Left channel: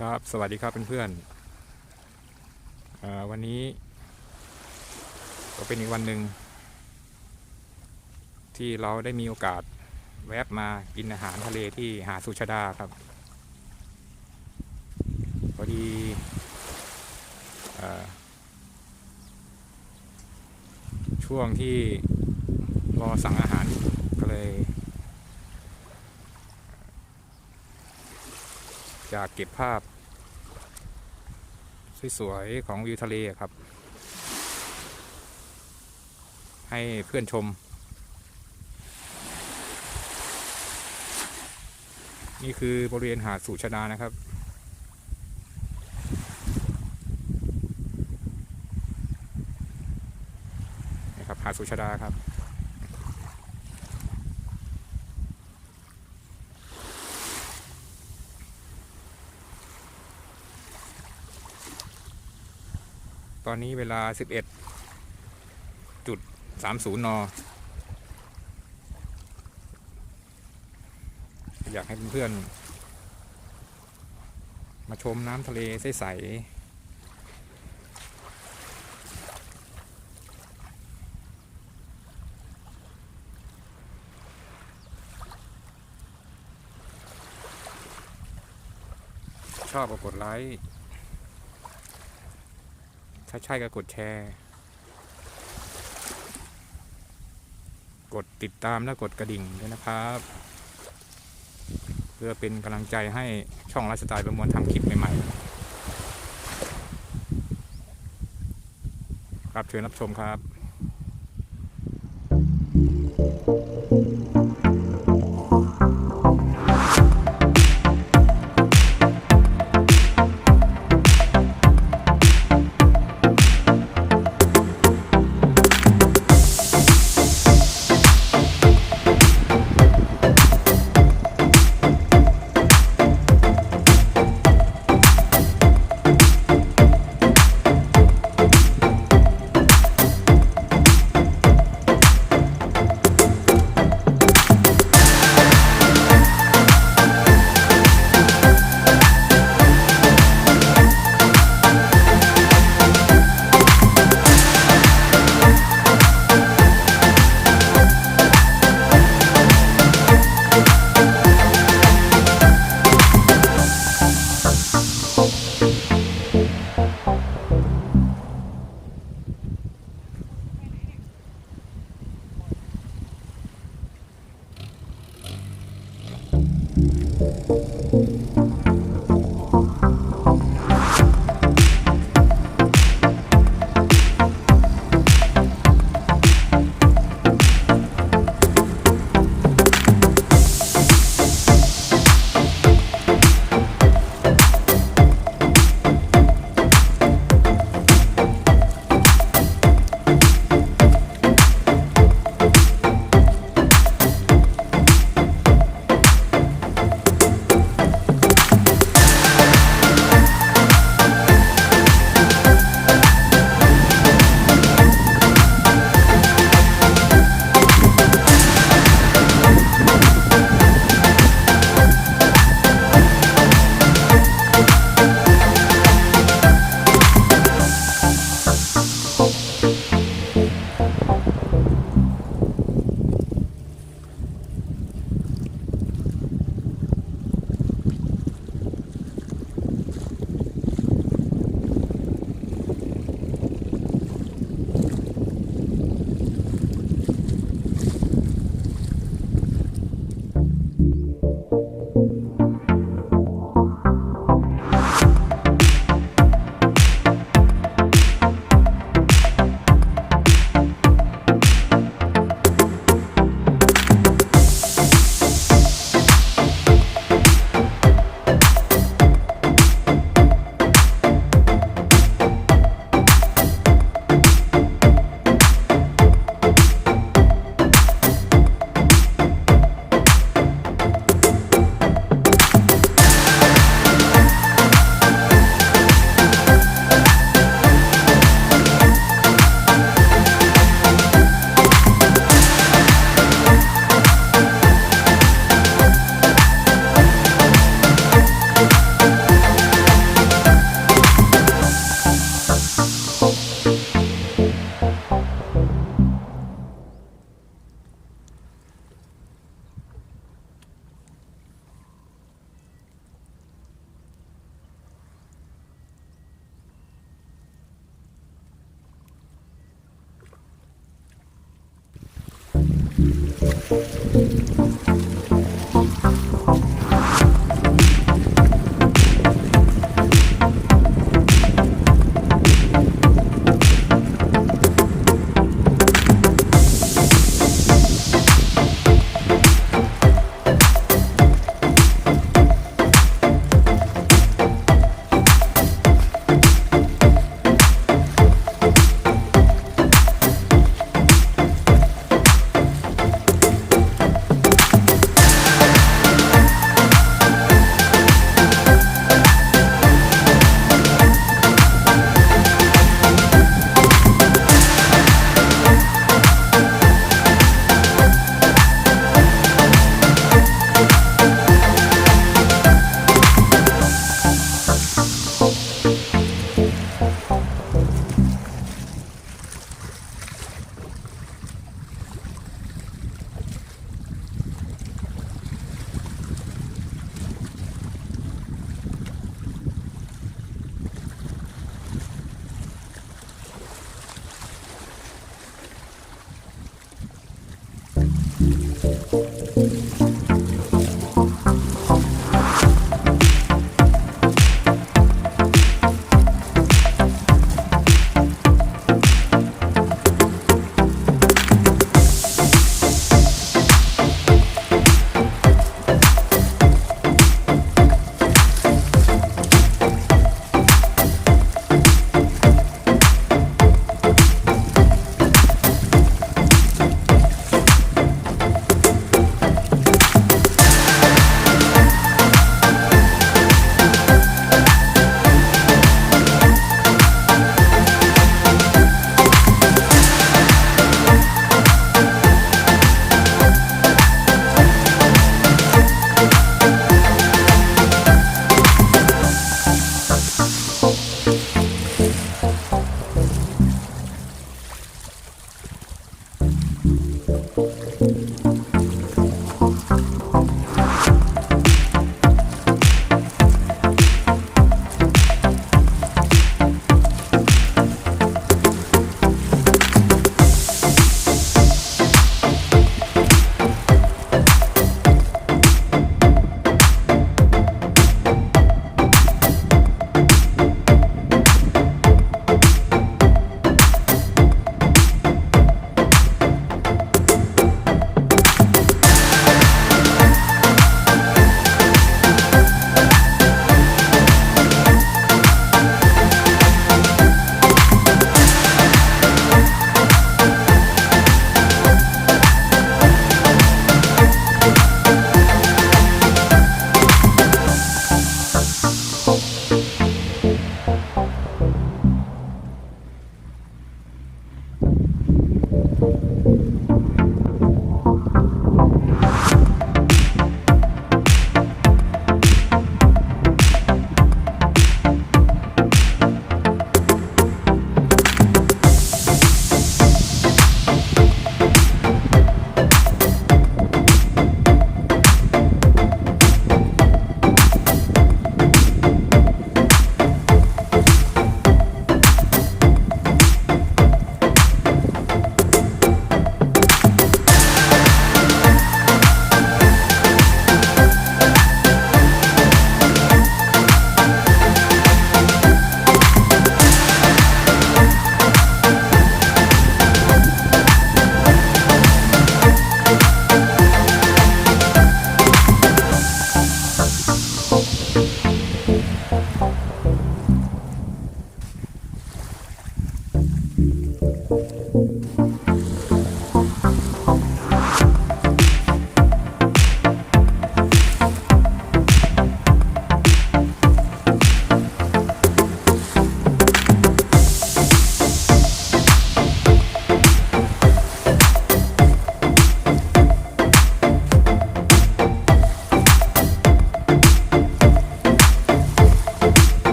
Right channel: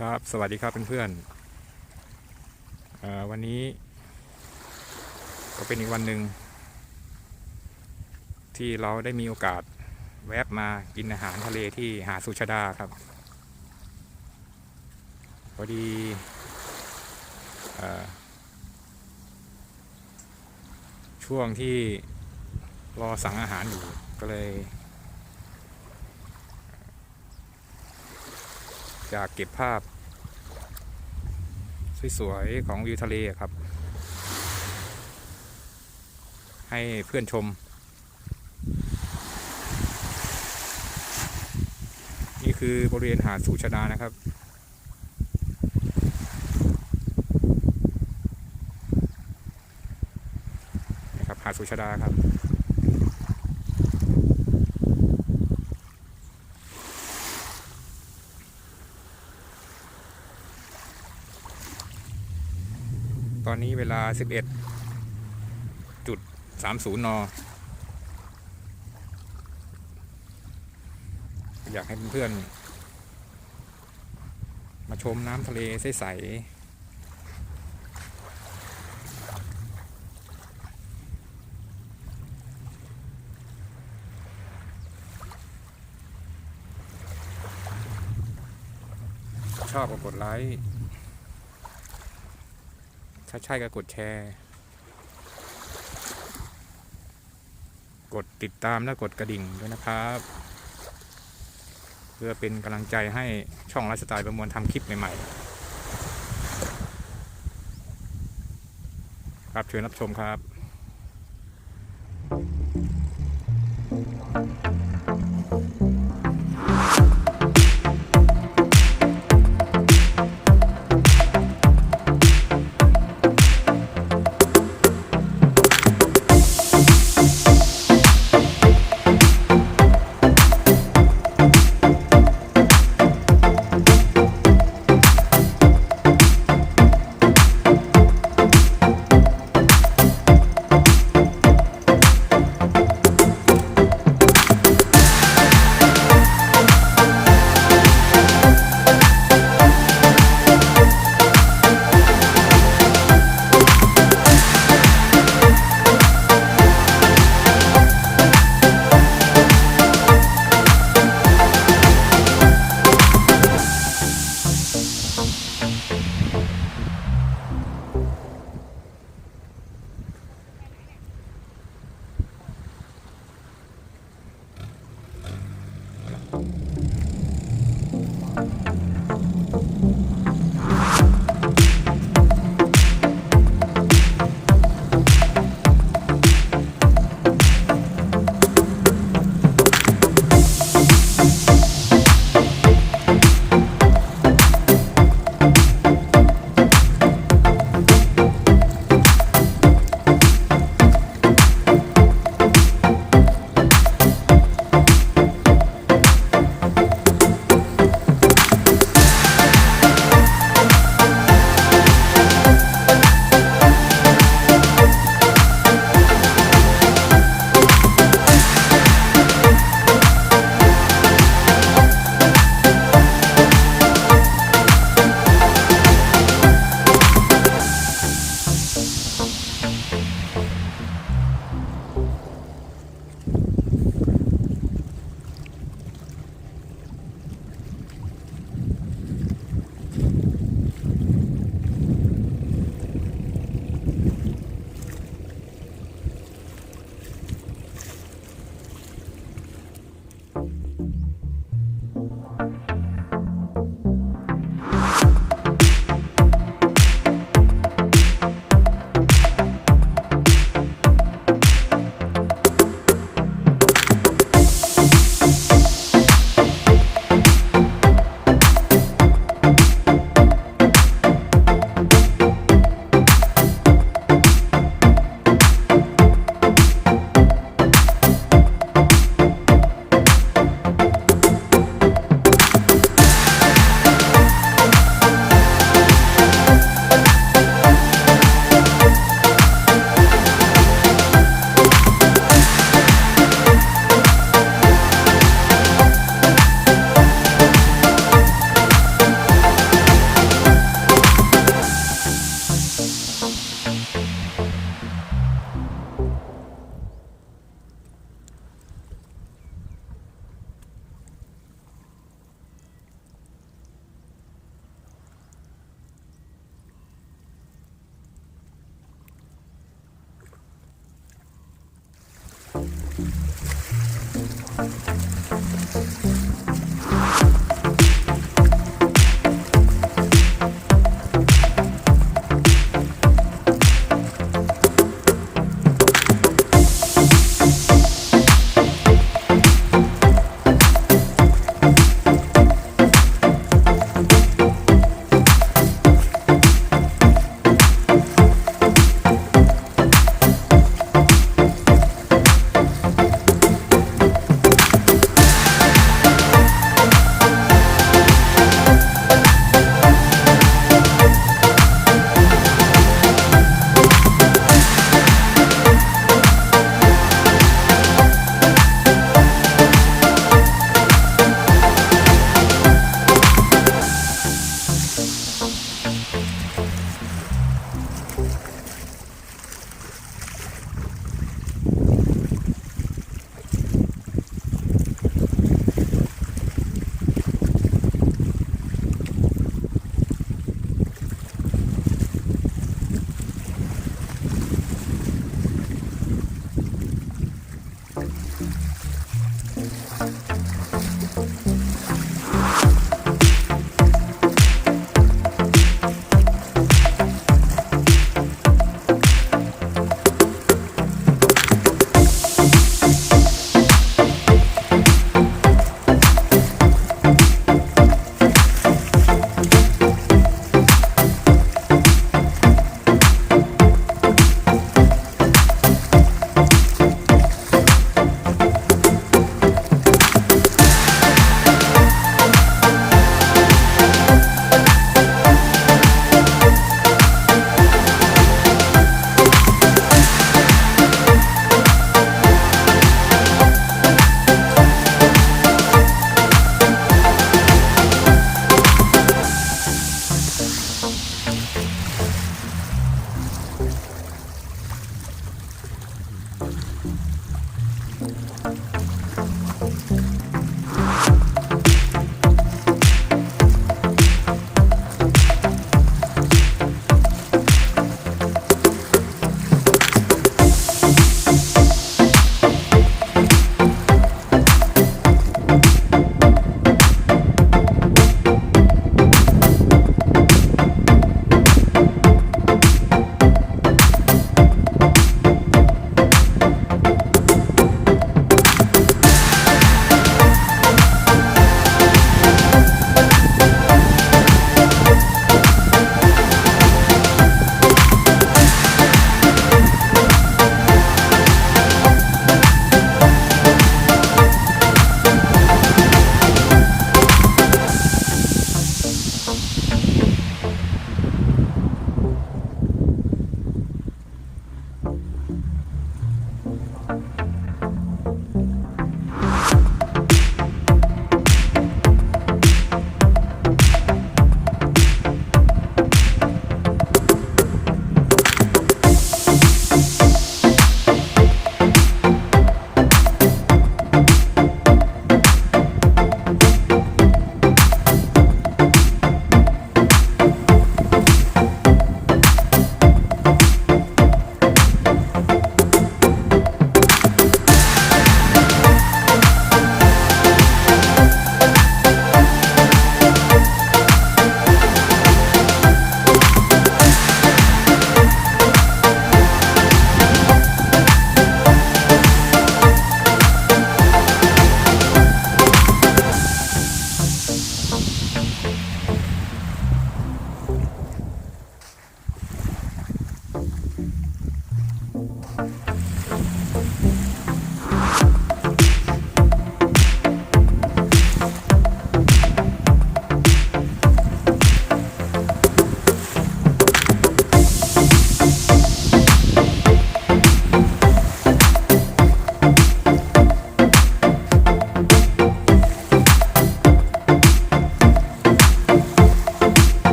ครับสวัสดีครับเพื่อนๆวันนี้ก็เป็นอีกวันหนึ่งที่เราได้มีโอกาสแวะมากินอาหารทะเลที่หาดสุชาดาครับพอดีช่วงที่รอสั่งอาหารอยู่ก็เลยอยากเก็บภาพสวยๆของวิวทะเลครับให้เพื่อนชมนี่คือบริเวณหาดสุชาดานะครับนี่ครับหาดสุชาดาครับตอนนี้เวลา 11:30 น.อยากให้เพื่อนๆมาชมน้ำทะเลใสๆชอบก็กดไลค์ถ้าใช่ก็กดแชร์กดติดตามและกดกระดิ่งด้วยนะครับเพื่อเป็นกำลังใจให้ช่องไลฟ์สไตล์ประมวลทำคลิปใหม่ๆครับเชิญรับชมครับ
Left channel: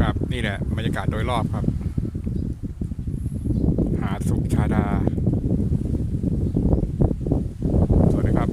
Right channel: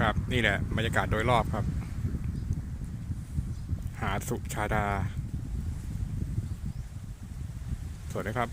ครับนี่แหละบรรยากาศโดยรอบครับหาดสุชาดาสวยไหมครับ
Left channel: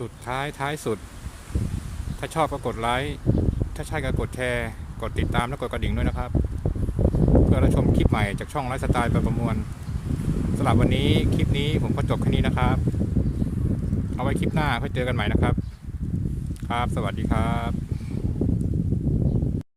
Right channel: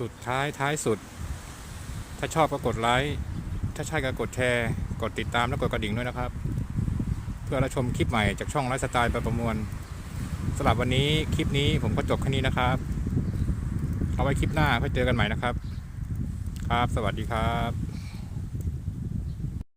สุดท้ายสุดถ้าชอบก็กดไลค์ถ้าใช่ก็กดแชร์กดติดตามและกดกระดิ่งด้วยนะครับเพื่อรับชมคลิปใหม่จากช่องไลฟ์สไตล์ประมวลสำหรับวันนี้คลิปนี้ผมก็จบแค่นี้นะครับเอาไว้คลิปหน้าค่อยเจอกันใหม่นะครับครับสวัสดีครับ